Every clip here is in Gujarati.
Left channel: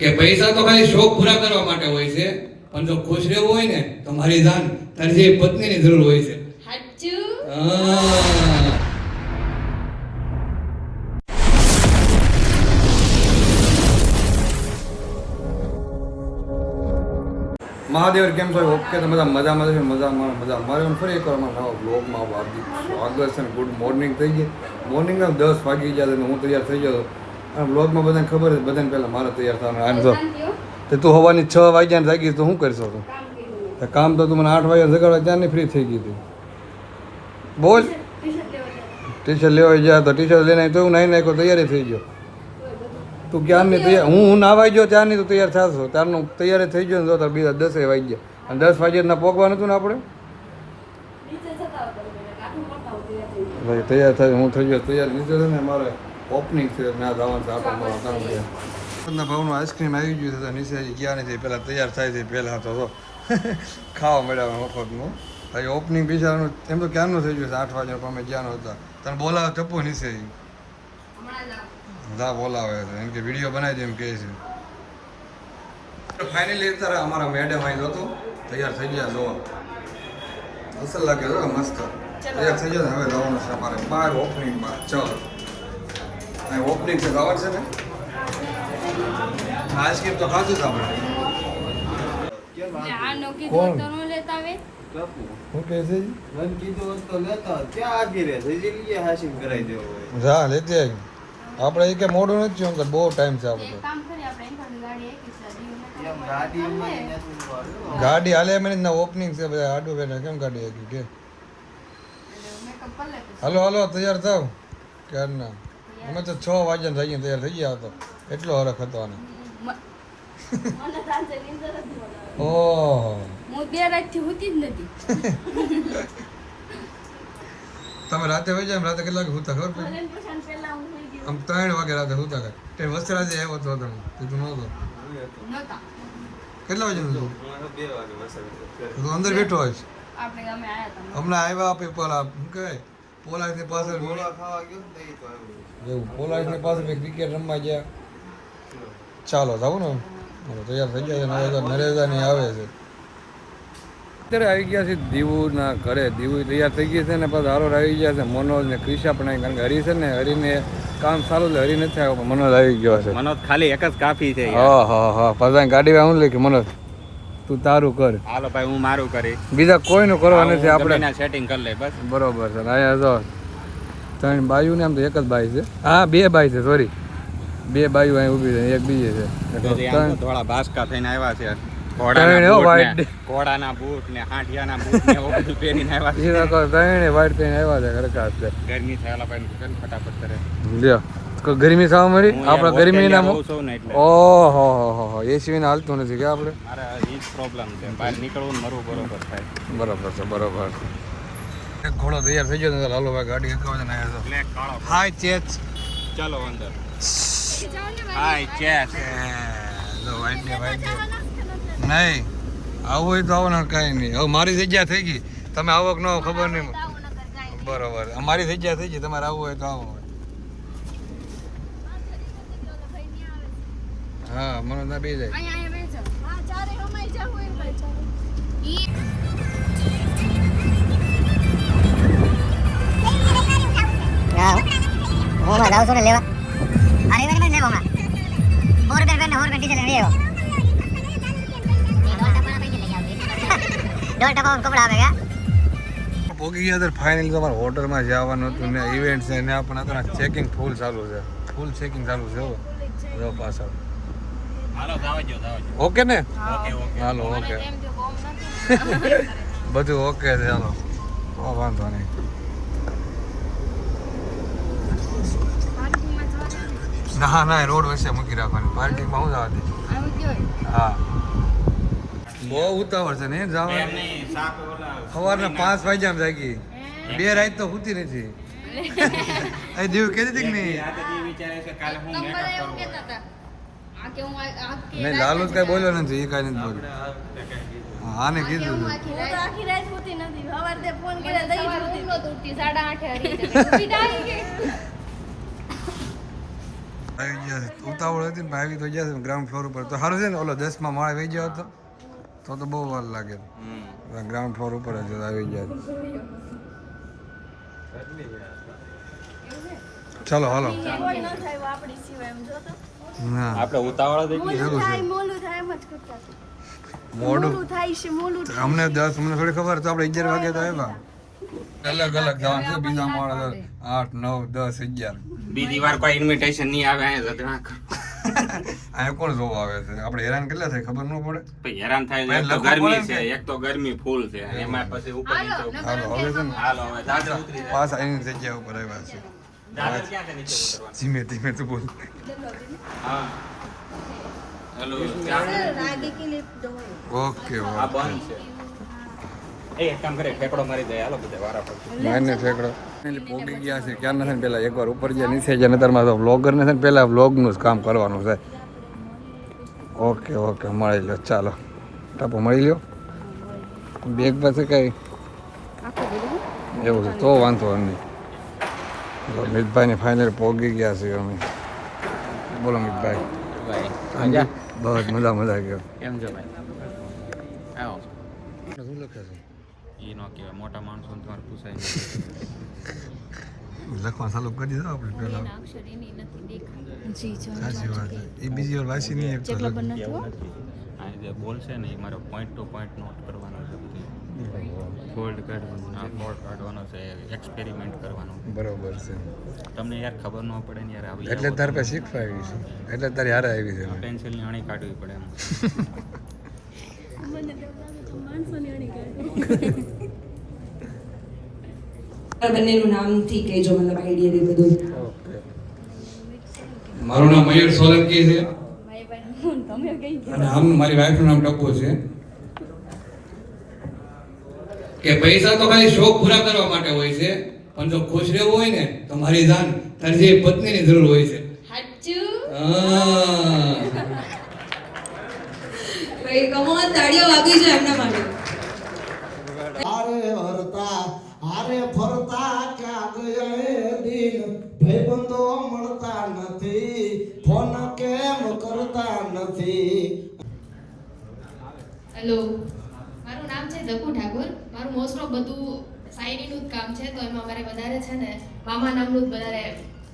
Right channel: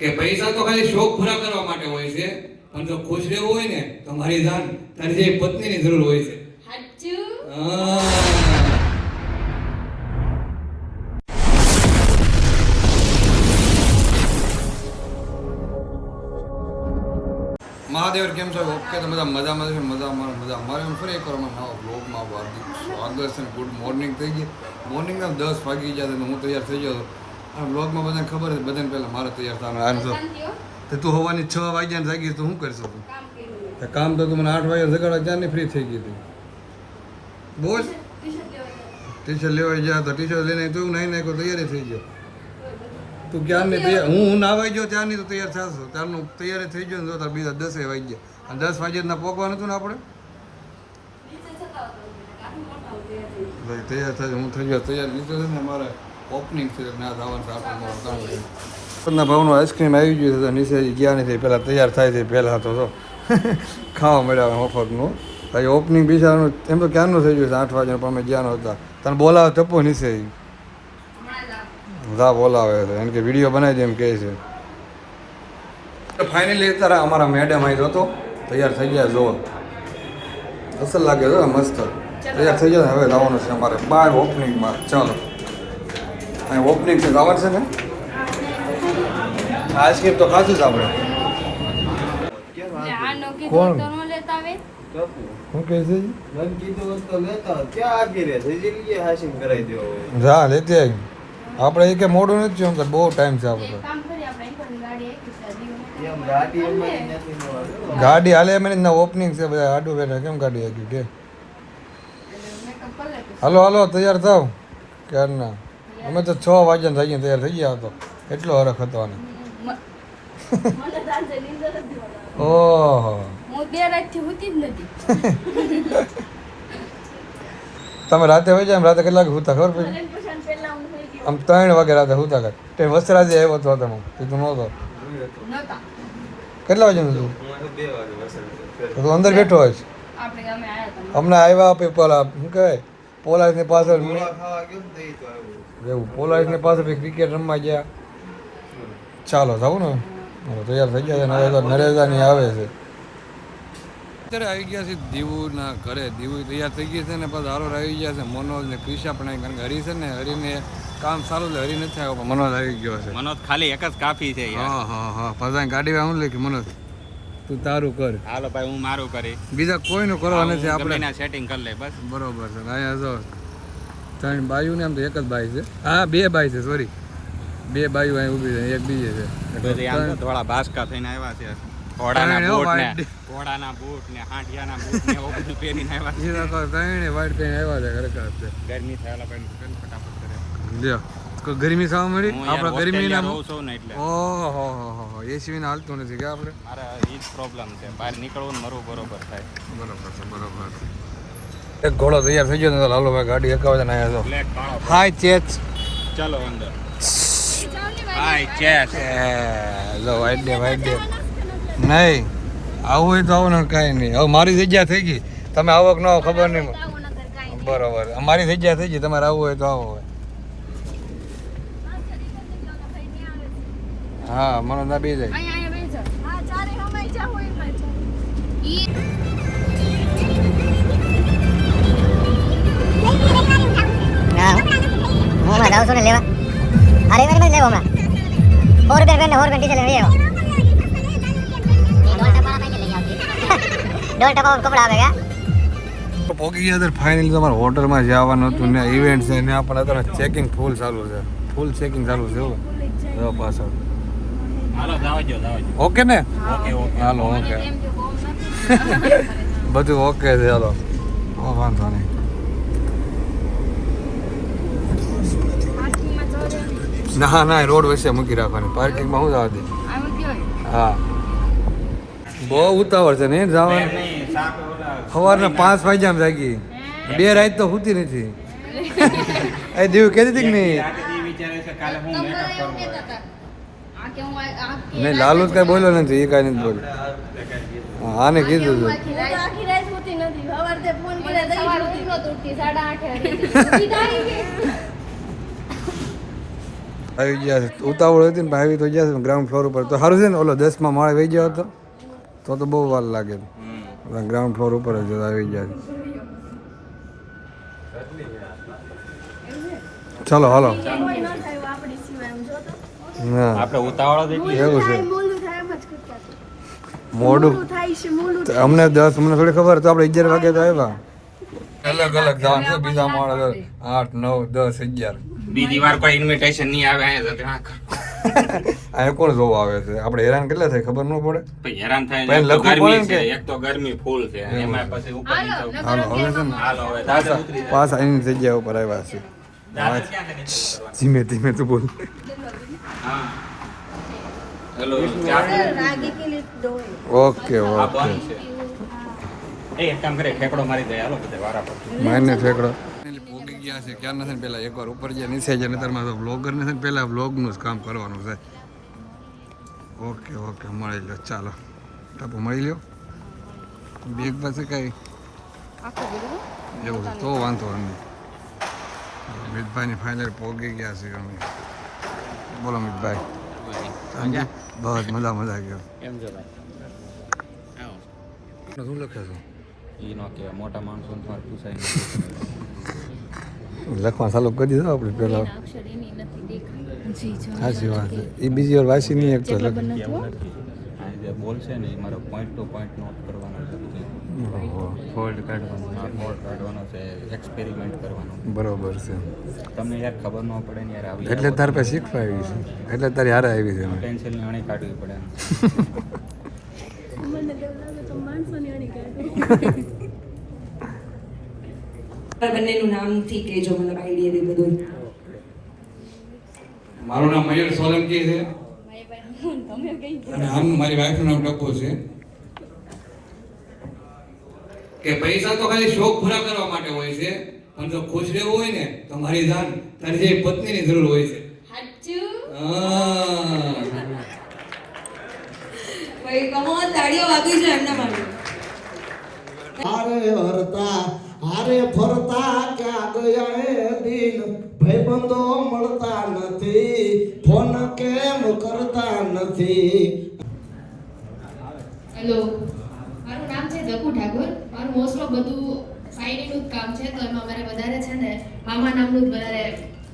કે પૈસા તો ખાલી શોખ પૂરા કરવા માટે હોય છે, પણ જો ખુશ રહેવું હોય ને તો મારી જાન તારી જે પત્નીની જરૂર હોય છે. સાચું. મહાદેવ કેમ છો? ઓકે તો બધા મજામાં છે, મજા મારે ફરી એકવાર અમારા નવા બ્લોગમાં હાર્દિક સ્વાગત છે. ગુડ મોર્નિંગ થઈ ગઈ. મોર્નિંગના 10 વાગી ગયા અને હું તૈયાર થઈ ગયો અને બ્લોગમાં બધાને ખબર છે, બધાને પહેલાં મારે તૈયાર થવાનું. આમ તો તું સવારની 6 વાગ્યાને જાગી તો શું કરશો તું? કામ તો તું મને 8 વાગ્યા જગાડવા ત્યાંની ફ્રી થઈ ગઈ હતી. બોલ, ટી શર્ટ લેવા ગયા તો ટી શર્ટ લઈને તો એવું નાઈ નાખ્યો, તૈયારી થઈ ગયો. તું ક્યારની તૈયાર, હું નાવાઈ ગયો ત્યારની તું તૈયાર થશો, ત્યારનું તૈયારી થઈ ગયો ને જો તાર બીજા 10 વાગી ગયા અને 10 વાગ્યા પોગવાનું હતું ને આપણે ભાઈ તૈયાર થાય. હું થઈ ગયો તૈયાર. નીચે છે ને મારે ઓપનિંગ છે, ના જવાનું છે, આટો મારો કામ છે. ભાવનું આઈસ્ક્રીમ આવી ગયું છે, નીચે ગયા નથી, પહેલાં તૈયાર થાય છે, પહેલાં તો ખાવા મળ્યા મફતનું. ભાઈ ઓપનિંગ બિચારાનું એમ તો ક્યારનું થઈ ગયું છે, 8 વાગ્યાનું, પણ અમે ગયા નહોતા. તને બોલાવે ટપ્પો નીચે જા બોલાવે છે, એમ કે વિડીયો બનાવી દે એમ કહે છે. ફાઇનલી અત્યારે અમારા મેડમ આવી હતો, તૈયાર થઈ ગયા. જો અસલ લાગે છે, મસ્ત તૈયાર થઈ ગયા. હવે લાવવાનું છે અમારે બહાર ઓપનિંગમાં. ચાલો અહીં ઓપનિંગ છે, લાવવાનું છે ને આઈસ્ક્રીમ તો ખાધું જ આપણે. શું કહે છે? જા લેતે આપણે એક મોડું નથી થયું કે બહુ ટાઈમ છે. આપણે ગાડી હાલે મને ના ઓપનિંગ છે, બધા આડું બેઠા કેમ ગાડી આવી કે હાલો હાલો તૈયાર થાવ ક્યારના. અમે તો 6 વાગ્યા થઈ ગયા તૈયાર થઈ ગયા હતા, એટલો હરખ હતો. ઓહો તમે રાતે હોય જાય, રાતે કેટલા વાગે હુતા ખબર પડી? આમ 3 વાગે રાતે હુતા કાંઈ તે વસ્ત્રાજે આવ્યો હતો તમે તું નહોતો? કેટલા વાગે તું અંદર બેઠો હોય? હમણાં આવ્યા આપે પેલા શું કહેવાય પોલાઈસની પાછળ, એવું પોલાઈસની પાછળ ક્રિકેટ રમવા ગયા. ચાલો જાઉં ને તૈયાર થઈ ગયા. નરેગાની આવે છે અત્યારે આવી ગયા છે દીવુના ઘરે. દીવું તૈયાર થઈ ગઈ છે ને પછી હારો આવી ગયા છે મનોજ ને ક્રિશા પણ આવી, કારણ કે હરી છે ને હરીને કામ સારું છે, હરી નથી આવ્યો, મનોજ આવી ગયો છે. મનોજ ખાલી એક જ કાફી છે. હા પછી ગાડી હું લઈ કે મનોજ તું તારું કર, હાલો ભાઈ હું મારું કરી, બીજા કોઈનું કરવા નથી, આપણે સેટિંગ કરી લે બસ. બરોબર છે. અહીંયા જો 3 બાયું ને આમ તો એક જ બાઈ છે. હા 2 બાઈ છે, સોરી 2 બાયું અહીં ઊભી છે, એક બીજે છે. થોડા ભાસ્કા થઈને આવ્યા છે. ઘોડાના બૂટ ને હાંડિયાના બૂટ ને એવું બધું પહેરીને આવ્યા છે. ત્રણે વાઈટ પહેરીને આવ્યા છે. ખરેખર છે ગરમી થયેલા ભાઈ ફટાફટ કરે લ્યો. ગરમી થવા મળી આપણે ગરમીના. ઓહો એસી ને હાલતું નથી કે આપણે? મારે એ જ પ્રોબ્લેમ છે, બહાર નીકળવું મરવું બરોબર થાય. બરોબર છે, બરોબર. એક ઘોડો તૈયાર થઈ ગયો ને હાલો ભાઈ ગાડી એકાવે છે ને આવ્યા છો. હાય ચેચ, ચાલો અંદર. હાય ચેચ લો વાઈટ ડે નહીં આવું હોય તો આવું ને કાંઈ નહીં. હવે મારી જગ્યા થઈ ગઈ, તમે આવો કે ન આવો ખબર નહીં. બરોબર અમારી જગ્યા થઈ ગઈ, તમારે આવવું હોય તો આવો હોય. હા મને ના બે જાય. પોગી ગયા ફાઇનલી તમારે હોટલમાં જવાનું હતું ને ઇવેન્ટ છે ને આપણે અત્યારે ચેકિંગ ફૂલ ચાલુ છે, ફૂલ ચેકિંગ ચાલુ છે પાછળ. ઓકે ને? હાલો ઓકે બધું ઓકે છે. ચાલો વાંધો નહીં. ના ના રોડ વચ્ચે મૂકી રાખવાની, પાર્કિંગમાં શું જવા દે. હા બહુ ઉતાવળ છે ને જવાનું. સવારના 5 વાગ્યામાં જાગી, 2 રાત તો સુતી નથી. એ દીવ કહેતી હતી કે નહીં? નહીં લાલુ જ કઈ બોલ્યો નથી, એ કાંઈ નથી બોલ્યો. આને કીધું હતું આવી ગયા છે ઉતાવળ હતી ને પણ આવી તો ગયા છે ગ્રાઉન્ડ ફ્લોર ઉપર તો સારું છે ને ઓલો 10માં માળે વહી ગયો હતો તો બહુ વાર લાગે ગ્રાઉન્ડ ફ્લોર ઉપર જ આવી ગયા છે ચાલો હાલો હા આપણે ઉતાવળો થઈ એવું છે મોડું તો અમને 10 અમને થોડી ખબર તો આપણે 11 વાગે તો આવ્યા અલગ અલગ ધામ છે બીજા માળે 8 9 10 11 બીજી વાર કોઈ ઇન્વિટેશન નહીં આવે અહીંયા તો આ કોણ જોવા આવે છે આપણે હેરાન કેટલા થાય ખબર ન પડે પછી હેરાન થાય પણ એક તો લખવું પડે ગરમી ને છે કે- એક તો ગરમી ફૂલ છે એમાં પછી ઉપર નીચે હાલો હવે છે ને હાલો હવે દાદા ઉતરી જાય. પાછા એની જગ્યા ઉપર આવ્યા છે દાદા ક્યાં નીચે ઉતરવાનું? ધીમે ધીમે તો બોલ હા હેલો ચા ઓકે આ ઓકે બંધ છે એ એક કામ કરે ઠેકડો મારી જાય હાલો બધા વાળા માન્ય ઠેકડો પોગી ગયા છે ક્યાં નથી ને પેલા એકવાર ઉપર જ્યાં નીચે જાય નતરમાં તો વ્લોગર ને છે ને પેલા વ્લોગનું જ કામ કરવાનું છે ઓકે ઓકે મળી લો ચાલો ટાપો મળી લ્યો બેગ પાસે કઈ એવું છે તો વાંધો નહીં મિતભાઈ ને ફાઇનલ પોગી ગયા છે અમે બોલો મિતભાઈ ભાઈ બહુ મજા મજા ગયો એમ જો ભાઈ આવો શું લખે ઈ નો કે મોટા માણસો ને તમારે પૂછાય લખવા ચાલુ કરી દીધો આપણે પેલા સાચી વાત છે એ બીજી વાર વાંચી નહીં એક તો આ જે બોલ છે ને એ મારો પોઈન્ટ ટુ પોઈન્ટ નોટ કરવાનો છે ફોલ્ડ કાઢવાનું આ બોર્ડ કાઢવાનો છે એક્સપેરિમેન્ટ કરવાનો બરોબર છે તમને યાર ખબર ન પડે ને યાર આવી એટલે તારે પાસે શીખવા આવી છે એટલે તારી હારે આવી છે પેન્સિલની અણી કાઢવી પડે બંનેનું નામથી કહેજો મતલબ આઈડિયા ને બધું મારું નામ મયુર સોલંકી છે અને આમ મારી વાઈફનું નામ ટપ્પુ છે કે પૈસા તો ખાલી શોખ પૂરા કરવા માટે હોય છે પણ જો ખુશ રહેવું હોય ને તો મારી જાન તારી જે પત્નીની જરૂર હોય છે હા. ભાઈ કમોન તાળીઓ વાગી જાય એમના માટે હારે હરતા હારે ફરતા ક્યાં ગયા એ દિન ભાઈબંધો મળતા નથી ફોન કેમ કરતા નથી હેલો મારું નામ છે દકુ ઠાકોર મારું મોસ્ટ ઓફ બધું શાયરીનું જ કામ છે તો એમાં મારે વધારે છે ને મામા નામનું જ વધારે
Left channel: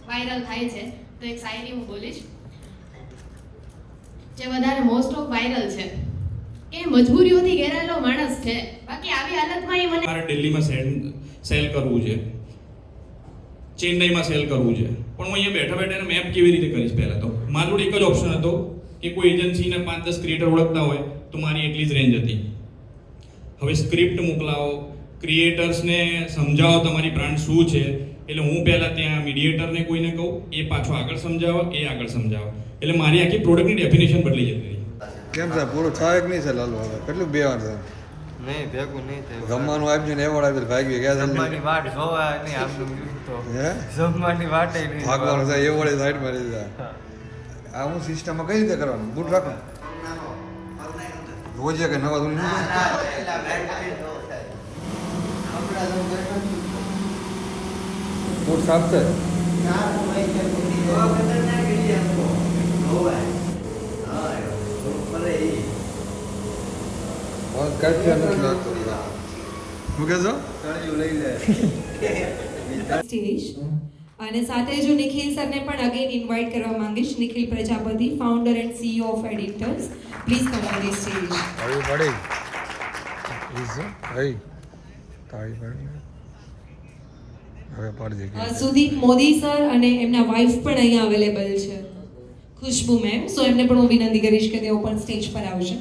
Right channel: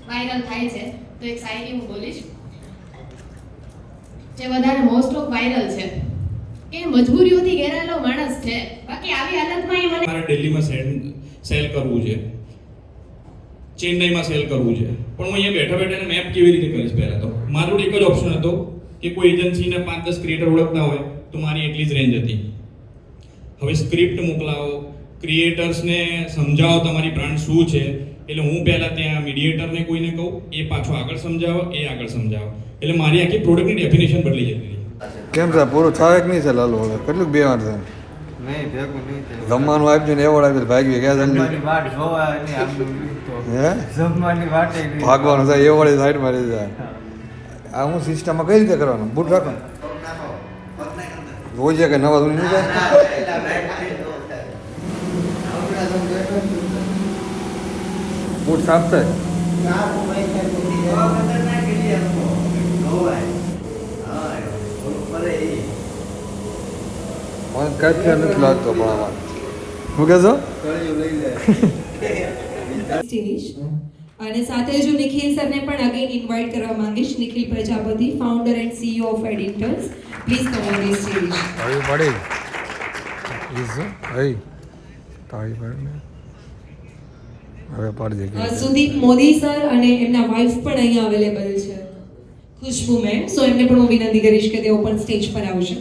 વાયરલ થાય છે તો એક શાયરી હું બોલીશ જે વધારે મોસ્ટ ઓફ વાયરલ છે કે મજબૂરીઓથી ઘેરાયેલો માણસ છે બાકી આવી હાલતમાં એ મને મારે દિલ્હીમાં સેલ કરવું છે ચેન્નઈમાં સેલ કરવું છે પણ હું અહીંયા બેઠા બેઠા મેપ કેવી રીતે કરીશ પહેલાં તો મારું એક જ ઓપ્શન હતો કે કોઈ એજન્સીને 5-10 ક્રિએટર ઓળખતા હોય તો મારી એટલી જ રેન્જ હતી હવે સ્ક્રિપ્ટ મોકલાવો ક્રિએટર્સને સમજાવો તમારી બ્રાન્ડ શું છે એટલે હું પહેલાં ત્યાં મીડિયેટરને કોઈને કહું એ પાછો આગળ સમજાવો એ આગળ સમજાવો એટલે મારી આખી પ્રોડક્ટની ડેફિનેશન બદલી જતી હતી કેમ છે પૂરું થાય કે નહીં છે લાલુ કેટલું બે વાર છે નહીં ભેગું નહીં થાય. જમવાનું આપ્યું ને એવોર્ડ આપ્યું ભાગી ગયા જમવાની વાટ જોવા નહીં આમનું તો. હે જમવાની વાટે નહીં. ભાગવાનું થાય એવોર્ડ સાઈડ મારી જાય આ હું સિસ્ટમમાં કઈ રીતે કરવાનું બૂટ રાખો રોજ કે નવા ધોની નહીં જાય બૂટ સાફ થાય મને કઈ નથી લાગતો પણ આમાં હું કહેશો સ્ટેજ અને સાથે જ હું નિખિલ સરને પણ અગેન ઇન્વાઇટ કરવા માંગીશ Nikhil Prajapati founder and CEO of editors please come on the stage મળી ભાઈ તાળી પાડ હવે પાડજે સુદીપ મોદી સર અને એમના વાઇફ પણ અહીંયા અવેલેબલ છે ખુશ્બુ મેમ સો એમને પણ હું વિનંતી કરીશ કે તેઓ પણ સ્ટેજ પર આવશે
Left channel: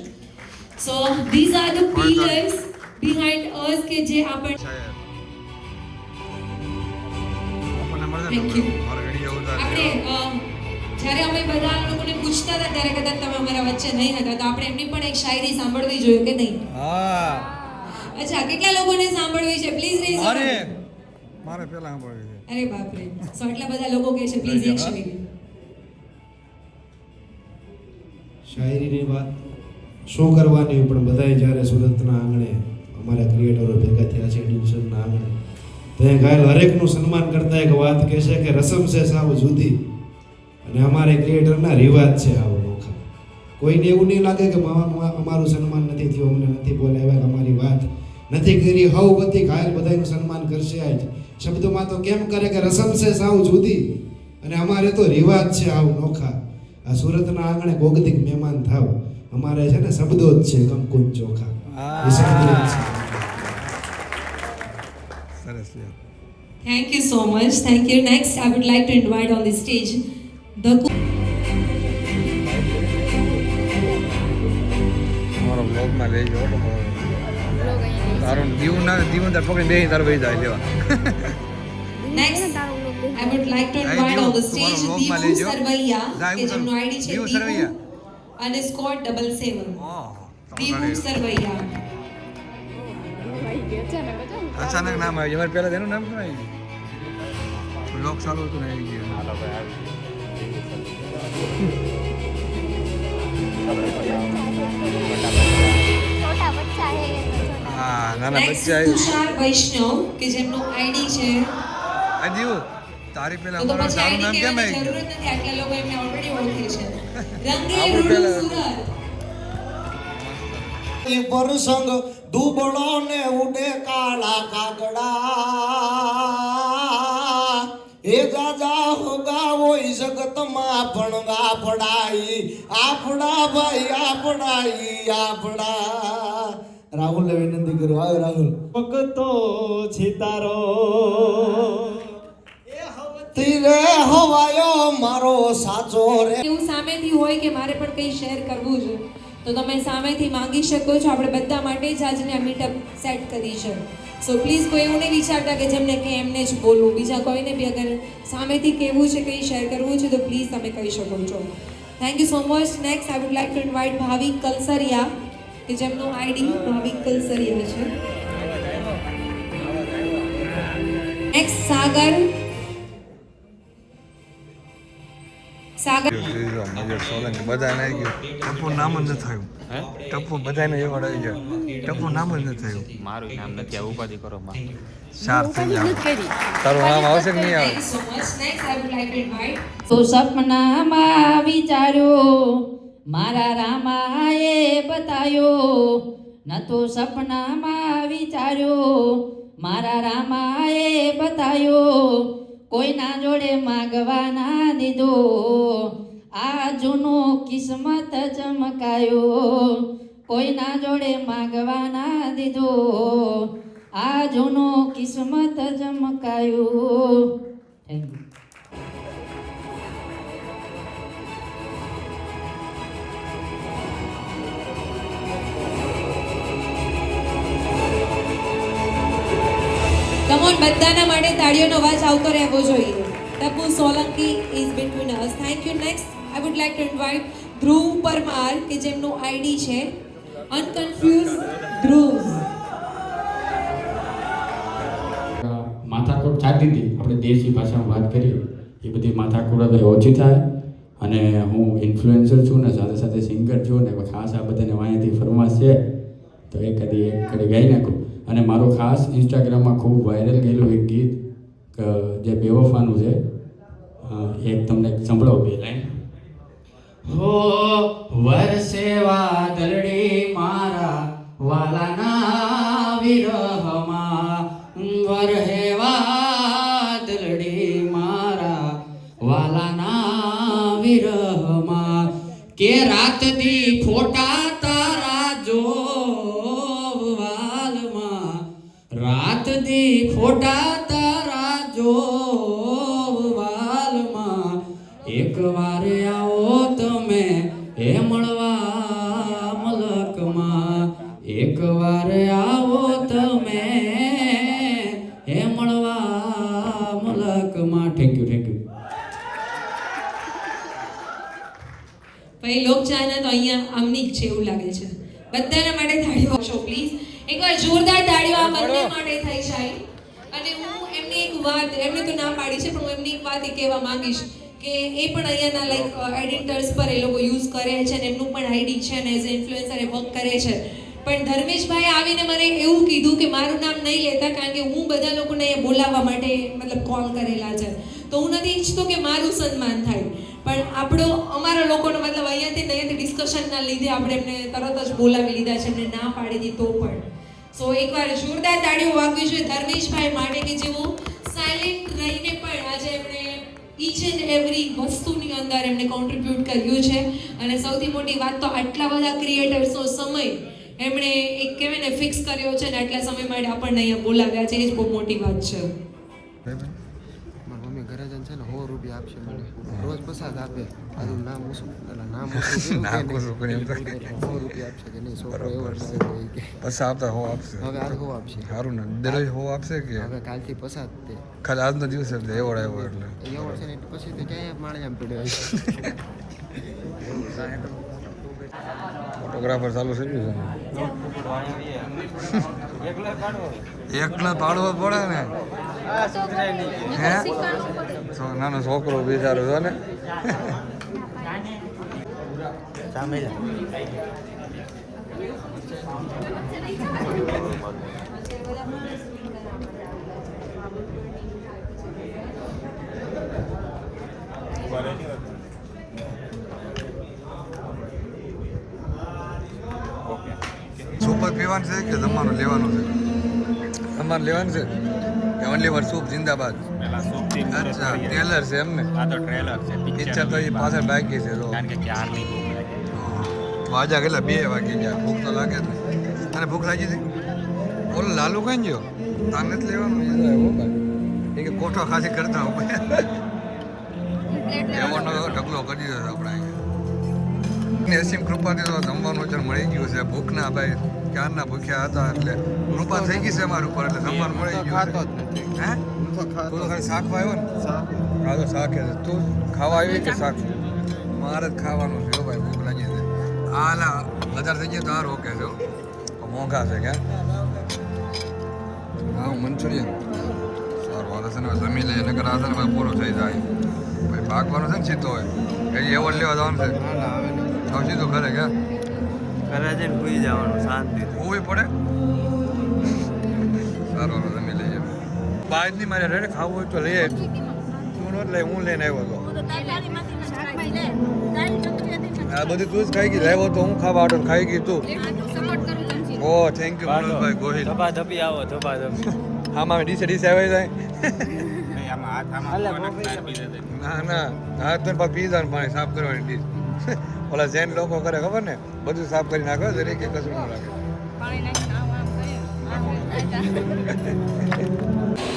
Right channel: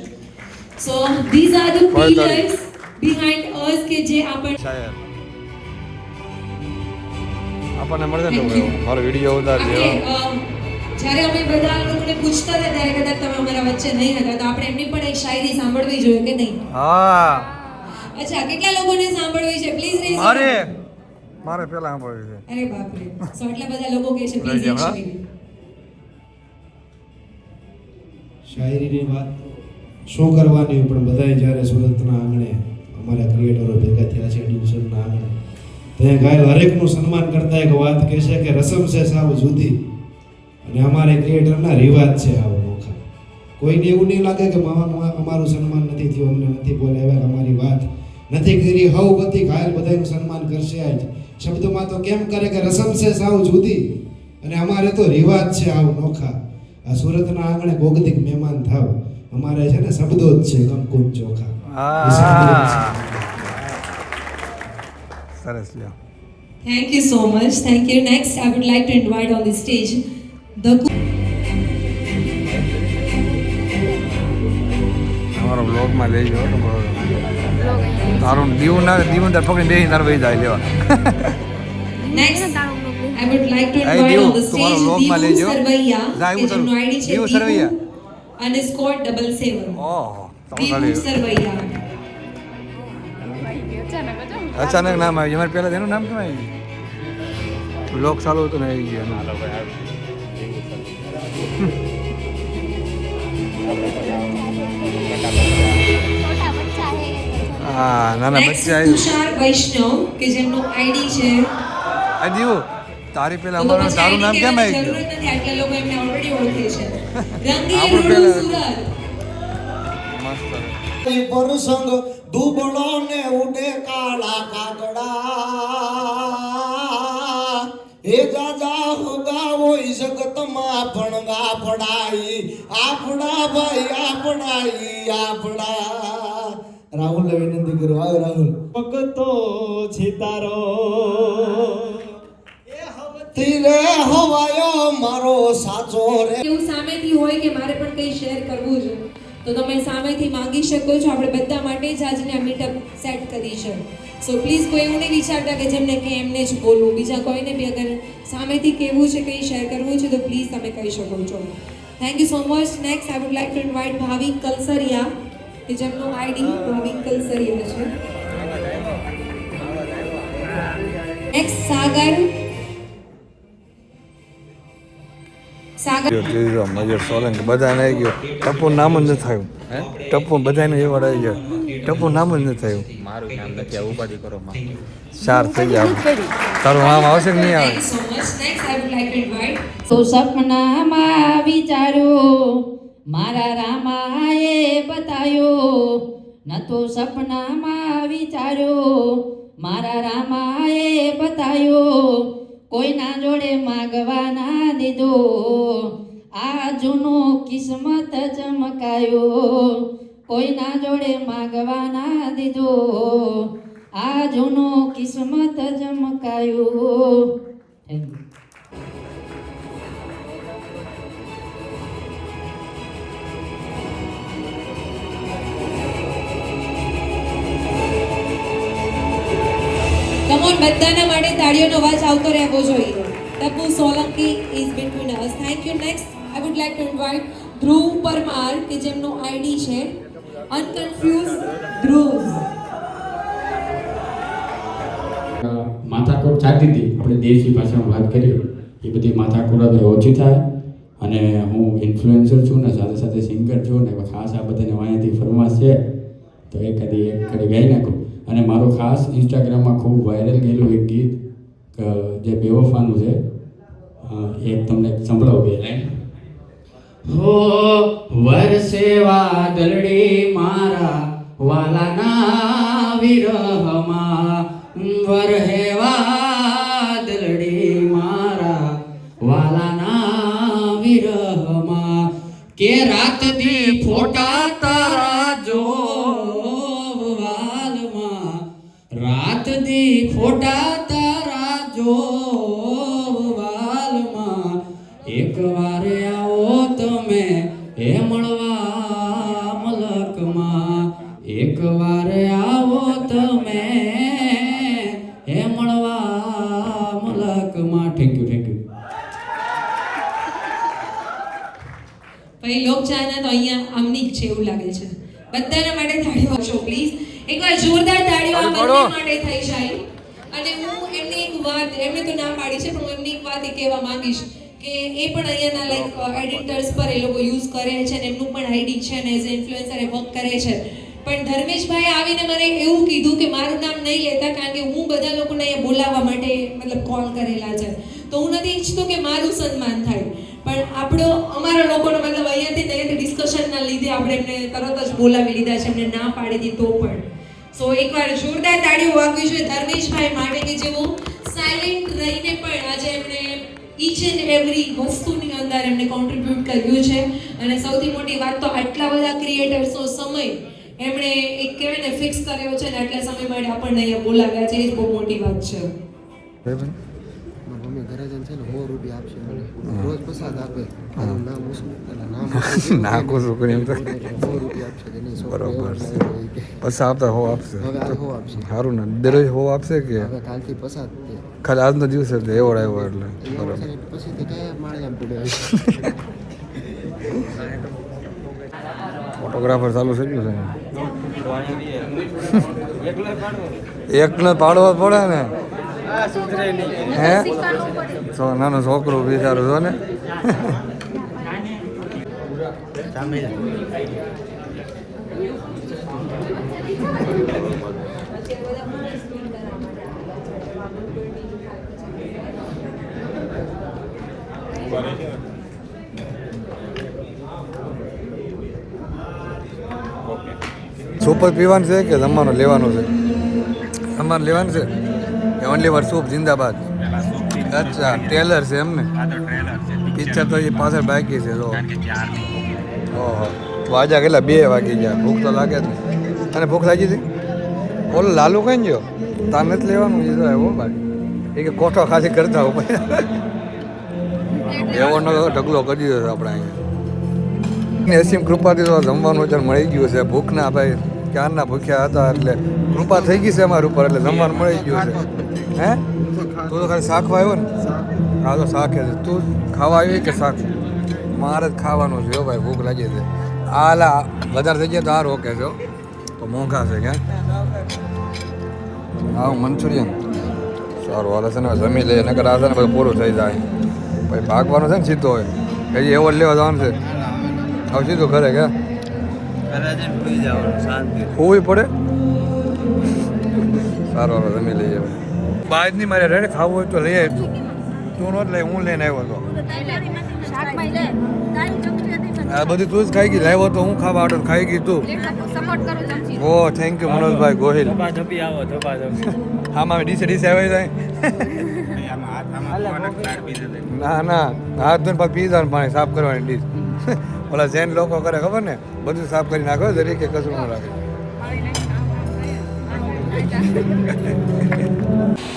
so these are the pillars behind us કે જે આપણ આપણને મળે ને તો મારો વિડીયો ઉતારી આપણે, દેવા જ્યારે અમે બધા લોકોને પૂછતા હતા ત્યારે કદાચ તમે અમારા વચ્ચે નહીં હતા તો આપણે એમની પણ એક શાયરી સાંભળવી જોઈએ કે નહીં હા અચ્છા કેટલા લોકોને સાંભળવી છે પ્લીઝ રેઝ અરે મારે પેલા સાંભળ્યું છે અરે બાપ રે સો એટલા બધા લોકો કહે છે પ્લીઝ એક શાયરી શાયરીની વાત શું કરવાની પણ બધાય જ્યારે સુરતના આંગણે અમારા ક્રિએટરો ભેગા થયા છે એડિશનના આંગણે ત્યાં ઘાયલ હરેકનું સન્માન કરતા એક વાત કહેશે કે રસમ છે સાવ જુદી અને અમારે ક્રિએટરના રિવાજ છે આવો નોખા. કોઈને એવું નહીં લાગે કે અમારું સન્માન નથી થયું, અમને નથી બોલાવ્યા, અમારી વાત નથી કરી. હવ બધી ઘાયલ બધાનું સન્માન કરશે. આજ શબ્દોમાં તો કેમ કરે કે રસમ છે સાવ જુદી, અને અમારે તો રિવાજ છે આવ નોખા. આ સુરતના આંગણે કોગદીક મહેમાન થાવ, અમારે છે ને શબ્દો જ છે કંકુન ચોખા. એ શબ્દો જ છે. સરસ લ્યો. Thank you so much. Thank you. Next, I would like to invite on the stage the તમારો બ્લોગમાં લેજો. તારું દીવું તો પકડી દઈ નરવી જાય લેવા. next. I would like to Hey, invite Divu, on the તમારો stage vlogમાં Divu લેજો. Sarvaiya, જા, કે એવું જેમનો ID છે Divu Sarvaiya. _77. ઓહો, Divu તમારે Sarvaiya. અચાનક નામ આવ્યું. અમારે પહેલા એનું નામ કહેવાય. બ્લોગ ચાલુ હતું ને આવી ગયા. હા, નાના Next, બચ્ચા Tushar Vaishnav, કે જેમનો ID છે આ દીવું તારી પેલા તો અમારું પછી તારું ID નામ કેમ કહેવાની આવી જરૂર ગયું? જ નથી, આટલા લોકો એમને already ઓળખે છે. રંગી રૂડુ સુરત. પરસંગ દુબળો ને ઉડે કાળા કાગડા, એ જાજા હોગા હોય જગતમાં પણ ગાફડાઈ, આપડા ભાઈ આપડાઈ આપડા. રાહુલ ને વિનંતી કરું. આવ્યો રાહુલ. ભગતો છીતારો તીરે હવાયો મારો સાચો રે. એવું સામેથી હોય કે મારે પણ કંઈ શેર કરવું છે તો તમે સામેથી માંગી શકો છો. આપણે બધા માટે જ આજની આ મીટઅપ સેટ કરી છે. સો પ્લીઝ કોઈ એવું નહીં વિચારતા કે જેમને કે એમને જ બોલવું, બીજા કોઈને બી અગર સામેથી કહેવું છે, કંઈ શેર કરવું છે તો પ્લીઝ તમે કહી શકો છો. Thank you so much. Next I would like to invite Bhavik Kalsariya, કે જેમનું ID ભાવિક કલસરિયા છે. નેક્સ્ટ સાગર મજર સોલંકી બધાને આવી ગયો. ટપુ નામ જ નથી થયું. ટપુ બધાને એવોર્ડ આવી ગયો. ટપુ નામ જ નથી થયું. મારું નામ નથી આ ઉપાધિ કરો માં. 4 થઈ ગયા. તારું નામ આવશે કે નહીં આવે? Thank you so much. Next I would like to invite તો સપનામાં વિચાર્યો મારા રામાએ બતાયો, ન તો સપનામાં વિચાર્યો મારા રામાએ બતાયો, કોઈના જોડે માગવાના દીધો, આ જૂનો કિસ્મત ચમકાયો, કોઈના જોડે માગવાના દીધો, આ જૂનો કિસ્મત ચમકાયો. Thank you. કમોન, બધાના માટે તાળીઓનો અવાજ આવતો રહેવો જોઈએ. Tapu Solanki is between us. Thank you. Next I would like to invite Dhruv Parmar, કે જેમનો ID છે અનકન્ફ્યુઝ ધ્રુવ. માથાકૂટ થતી હતી, આપણે દેશી ભાષામાં વાત કરીએ એ બધી માથાકૂટ હવે ઓછી થાય. અને હું ઇન્ફ્લુએન્સર છું ને સાથે સાથે સિંગર છું ને ખાસ આ બધાને વાંયાથી ફરમાશ છે તો એક કડી ગાઈ નાખું. અને મારું ખાસ ઇન્સ્ટાગ્રામમાં ખૂબ વાયરલ ગયેલું એક ગીત જે બેવફાનું છે, એક તમને સંભળાવું બે લાઈન. હો વરસે વાદળડી મારા વાલાના વિરહમાં, વરહે વાદળડી મારા વાલાના વિરહમાં, કે રાત દી ફોટા તારા જોવાલમાં, રાત દી ફોટા તારા જોવાલમાં, એક વાર આવો તમે હે મળવા મલકમાં, એક વાર આવો તમે હે મળવા મલકમાં. Thank you, thank you. ભાઈ લોકચાહના તો અહીંયા આમની જ છે એવું લાગે છે. બધાના માટે તાળીઓ આપશો પ્લીઝ. એકવાર જોરદાર તાળીઓ આ બંને માટે થઈ જાય. અને હું એમને એક વાત, એમને તો ના પાડી છે પણ હું એમની એક વાત એ કહેવા માંગીશ કે એ પણ અહીંયાના લાઈક એડિટર્સ પર એ લોકો યુઝ કરે છે અને એમનું પણ ID છે અને એઝ ઇન્ફ્લુએન્સર એ વર્ક કરે છે. પણ ધર્મેશભાઈ આવીને મને એવું કીધું કે મારું નામ નહીં લેતા કારણ કે હું બધા લોકોને અહીંયા બોલાવવા માટે મતલબ કોલ કરેલા છે, તો હું નથી ઈચ્છતો કે મારું સન્માન થાય. પણ પણ અમારા લોકોનો મતલબ અહીંયાથી ડિસ્કશનના લીધે આપણે એમને તરત જ બોલાવી લીધા છે, એમને ના પાડી દીધી તો પણ. સો એકવાર જોરદાર તાળીઓ વાગવી જોઈએ ધર્મેશભાઈ માટે કે જેઓ સાયલેન્ટ રહીને પણ આજે એમણે ઈચ એન્ડ એવરી વસ્તુની અંદર એમને કોન્ટ્રીબ્યુટ કર્યું છે. અને સૌથી મોટી વાત તો આટલા બધા ક્રિએટર્સનો સમય એમણે એક કહેવાય ને ફિક્સ કર્યો છે ને આટલા સમય માટે આપણને અહીંયા બોલાવ્યા છે, એ જ બહુ મોટી વાત છે. મમ્મી ઘરે જઈને છે ને 100 રૂપિયા આપશે મને રોજ પ્રસાદ આપે નામ ઓછું એટલે નામ નાખું છું કરીને તો 100 રૂપિયા આપશે કે નહીં છોકરો એવો લાવ્યો હોય કે પછી આપતા હો આપશે હવે આ 100 આપશે સારું ને દરરોજ હો આપશે કે હવે કાલથી પ્રસાદ તે ખાલી આજનો દિવસ જ એવો આવ્યો એટલે એવો છે ને પછી તો ક્યાંય માળે આમ પડે ફોટોગ્રાફર ચાલુ થઈ ગયું છે એકને પાડવો પડે ને હે તો નાનો છોકરો વિચારું છો ને સૂપ જ પીવાનું છે કે જમવાનું લેવાનું છે? જમવાનું લેવાનું છે કે ઓનલી વાર સૂપ જિંદાબાદ? અચ્છા ટ્રેલર છે એમને? પિક્ચર તો એ પાછળ બાકી છે તો ઓહો વાજા કેટલા 2 વાગી ગયા, ભૂખ તો લાગે જ નહીં. અને ભૂખ લાગી હતી ઓલો લાલુ કઈ ગયો? તાર નથી લેવાનું છે હો ભાઈ, એ કે કોઠો ખાલી કરતા હો ભાઈ એવો નો ઢગલો કરી દીધો છે આપણે અહીંયા. અસીમ કૃપાથી તો જમવાનું અત્યારે મળી ગયું છે. ભૂખના ભાઈ ક્યારના ભૂખ્યા હતા એટલે કૃપા થઈ ગઈ છે અમારા ઉપર એટલે જમવાનું મળી ગયું છે. હે તું તો ખાલી શાકવા આવ્યો ને? હા તો શાક તું ખાવા આવી કે શાક? મારે જ ખાવાનું છે ભાઈ, ભૂખ લાગી છે. આલા વધારે થઈ ગયા તો આ રોકે છે તો મોંઘા છે ક્યાં? હા મંચુરિયન સારું હાલે છે ને, જમી લઈએ નકર આ છે ને બધું પૂરું થઈ જાય ભાઈ. ભાગવાનું છે ને સીધો હોય હજી એવોર્ડ લેવા જવાનું છે. હવે સીધું ઘરે કે ઘરે જઈને ભૂઈ જવાનું શાંતિ હોવી પડે. સારું હાલો જમી લઈએ હવે. બાજની મારે રેડ ખાવું હોય તો લઈ આવી, તું રોજ લઈ હું લઈને આવ્યો હતો. આ બધી તું જ ખાઈ ગઈ, લાવ્યો તો હું ખાવા આડો ખાઈ ગઈ તું. ઓ થેન્ક યુ મનોજભાઈ ગોહિલ. આમાં ડીસે આવી જાય ના ના હાથ તો પીઝા પાણી સાફ કરવાની ડીશ ઓલા જૈન લોકો કરે ખબર ને, બધું સાફ કરી નાખો તરીકે કચરું ન રાખે.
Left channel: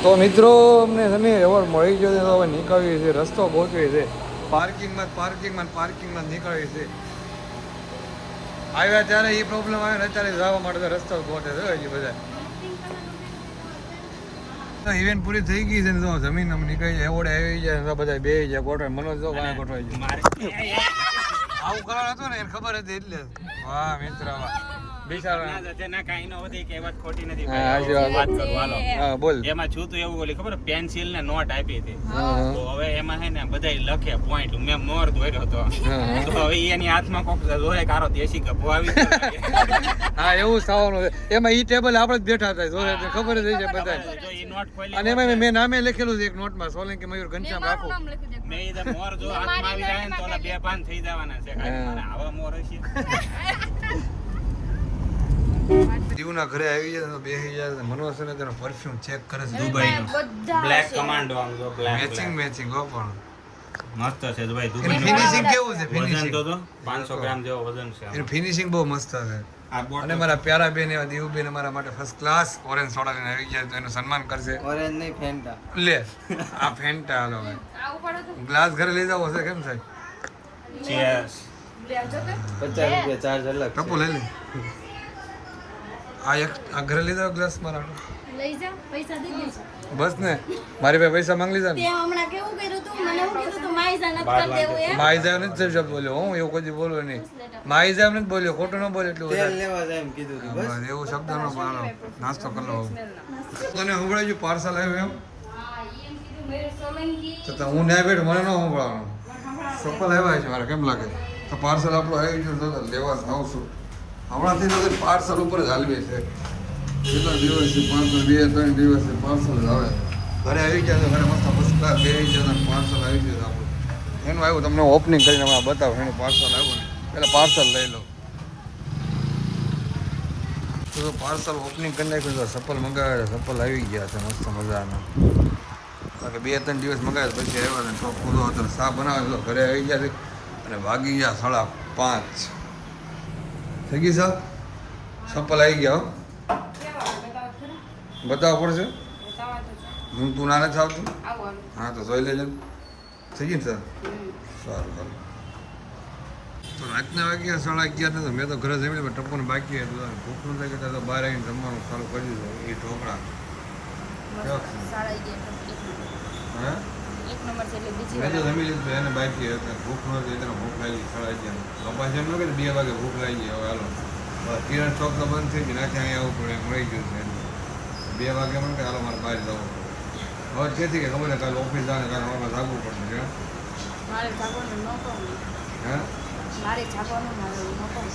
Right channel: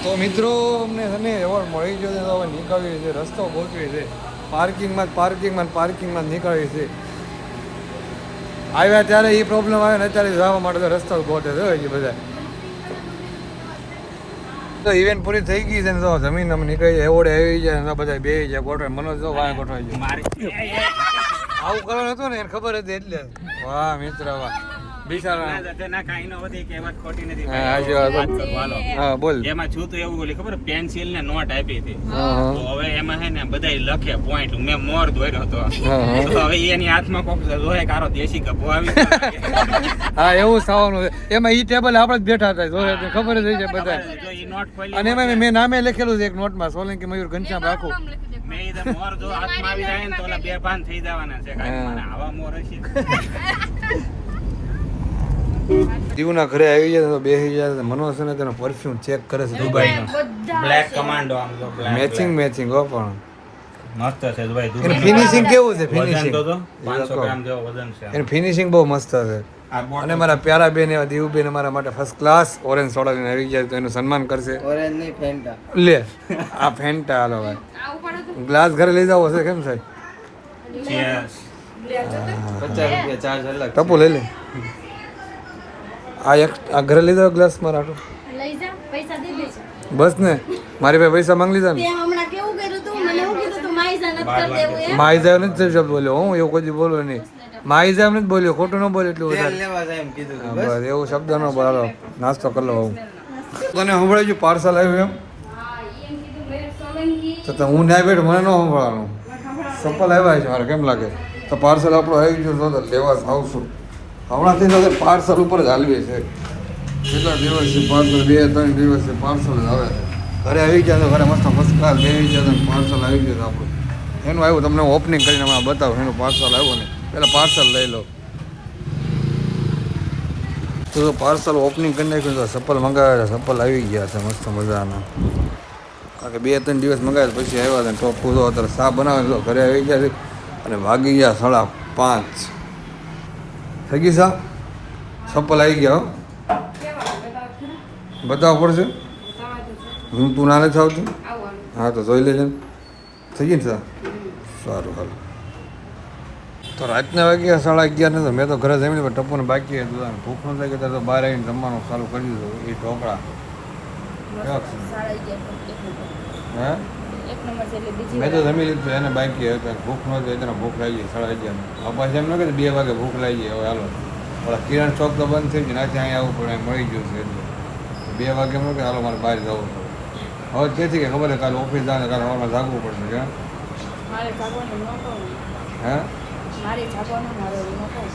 તો મિત્રો અમને જમી એવોર્ડ મળી ગયો છે તો હવે નીકળવી છે, રસ્તો ગોતવી છે. પાર્કિંગમાં નીકળવી છે. આવ્યા ત્યારે એ પ્રોબ્લેમ આવ્યો ને અત્યારે જવા માટે તો રસ્તો ગોતે છે હજી બધા. તો ઇવેન્ટ પૂરી થઈ ગઈ છે ને તો જમીન અમે નીકળી એવોર્ડ આવી જાય ને બધા બે જાય ગોઠવાય. મનોજ તો વાય ગોઠવાય આવું કરવાનું હતું ને એને ખબર હતી એટલે. વાહ મિત્ર વાહ એમાં છું તો એવું બોલી ખબર પેન્સિલ ને નોટ આપી હતી તો હવે એમાં હે ને બધા લખે પોઈન્ટ મેં મોર દોર્યો હતો તો હવે એની હાથમાં કોક જોય કારો દેશી ગભો આવી હા એવું થવાનું છે. એમાં ઈ ટેબલ આપણે જ બેઠા હતા જોયે તો ખબર જ છે બધા. જો ઈ નોટ ખોલી અને એમાં મેં નામે લખેલું છે એક નોટમાં સોલંકી મયુર ઘનશ્યામ રાખો. મેં ઈ મોર જો હાથમાં આવી જાય ને તો ઓલા 2-5 થઈ જવાના છે કાઈ મને આવા મોર હશે. દીવના ઘરે આવી જાય તો બેસી જાય મનોજ છે ને તેનો પરફ્યુમ ચેક કરે છે દુબઈનો બ્લેક કમાન્ડો આમ જો બ્લેક મેચિંગ હો પણ મસ્ત છે દુબઈ એનું ફિનિશિંગ કેવું છે? ફિનિશિંગ તો 500 ગ્રામ જેવો વજન છે એનું ફિનિશિંગ બહુ મસ્ત છે. આ બોટ અને મારા પ્યારા બેન એવા દીવ બેન અમારા માટે ફર્સ્ટ ક્લાસ ઓરેન્જ સોડા લઈને આવી ગયા તો એનું સન્માન કરશે. ઓરેન્જ નહીં ફેન્ટા લે આ ફેન્ટા હાલો ભાઈ ગ્લાસ ઘરે લઈ જાવ હશે કેમ સાહેબ? ચીયર્સ 50 રૂપિયા ચાર્જ અલગ ટપુ લઈ લે આ ઘરે લઈ જાવ ગ્લાસ મારા હાટુ. લઈ જા પૈસા દે દે બસ ને મારી પાસે પૈસા માંગી લીધા ને તે હમણાં કેવું કર્યું તું મને હું કીધું તું માઈઝા નથી કરી દેવું એમ માઈઝાવ નથી શબ્દ બોલ્યો હું એવું કોઈ બોલો નહીં. માઈઝાવ નથી બોલ્યો ખોટું ન બોલ્યો એટલું વધારે. લેવા જાય એમ કીધું તું. બસ એવું શબ્દ ન બોલો નાસ્તો કરી લો હું તને સંભળાઈ ગયું પાર્સલ આવ્યું એમ તો હું ના બેઠ મને ન સંભળાવાનું. સફળ આવ્યા છે મારે કેમ લાગે તો પાર્સલ આપણું આવી ગયું તો લેવા આવશું હમણાંથી તો પાર્સલ ઉપર જ હાલવી છે. કેટલા દિવસથી પાર્સલ 2-3 દિવસથી પાર્સલ હવે ઘરે આવી ગયા તો ઘરે મસ્ત ક્લાસ બે આવી ગયા પાર્સલ આવી ગયું આપણું એનું આવ્યું તમને ઓપનિંગ કરીને હમણાં બતાવો એનું પાર્સલ આવ્યું ને પહેલાં પાર્સલ લઈ લો તો પાર્સલ ઓપનિંગ કરી નાખ્યું તો ચપ્પલ મંગાવ્યા ચપ્પલ આવી ગયા છે મસ્ત મજાના કારણ કે 2-3 દિવસ મંગાવ્યા પછી આવ્યા હતા તો પૂરો અત્યારે સા બનાવે તો ઘરે આવી ગયા છે અને ભાગી ગયા 5:30 થઈ ગઈ સા ચપ્પલ આવી ગયા હો બતાવવા પડશે હું તું ના નથી આવતું હા તો જોઈ લેજે થઈ ગઈ ને સર સારું હારું તો રાતના વાગ્યા 11:30 ને તો મેં તો ઘરે જમી લીધું ટપ્પુને બાકી હતું ભૂખ ન થાય કે તો બહાર આવીને જમવાનું ચાલુ કરી દીધું એ ઢોકળા હા મેં તો જમી લીધું એને બાકી હતું ભૂખ ન થાય તેને ભૂખ લાગી 11:30 પપ્પા એમ ન કે 2 વાગે ભૂખ લાગી હવે હાલો ઓલા કિરણ ચોક તો બંધ થઈ ગઈ નાખી અહીંયા આવવું પડે મળી ગયું છે 2 વાગે એમ કે હાલો મારે બહાર જવું હવે ક્યાંથી કે ખબર કાલે ઓફિસ જાય કાલે સવારમાં જાગવું પડશે કે મારે જાગવાનું ન કહું હે મારે જાગવાનું મારે ન કહું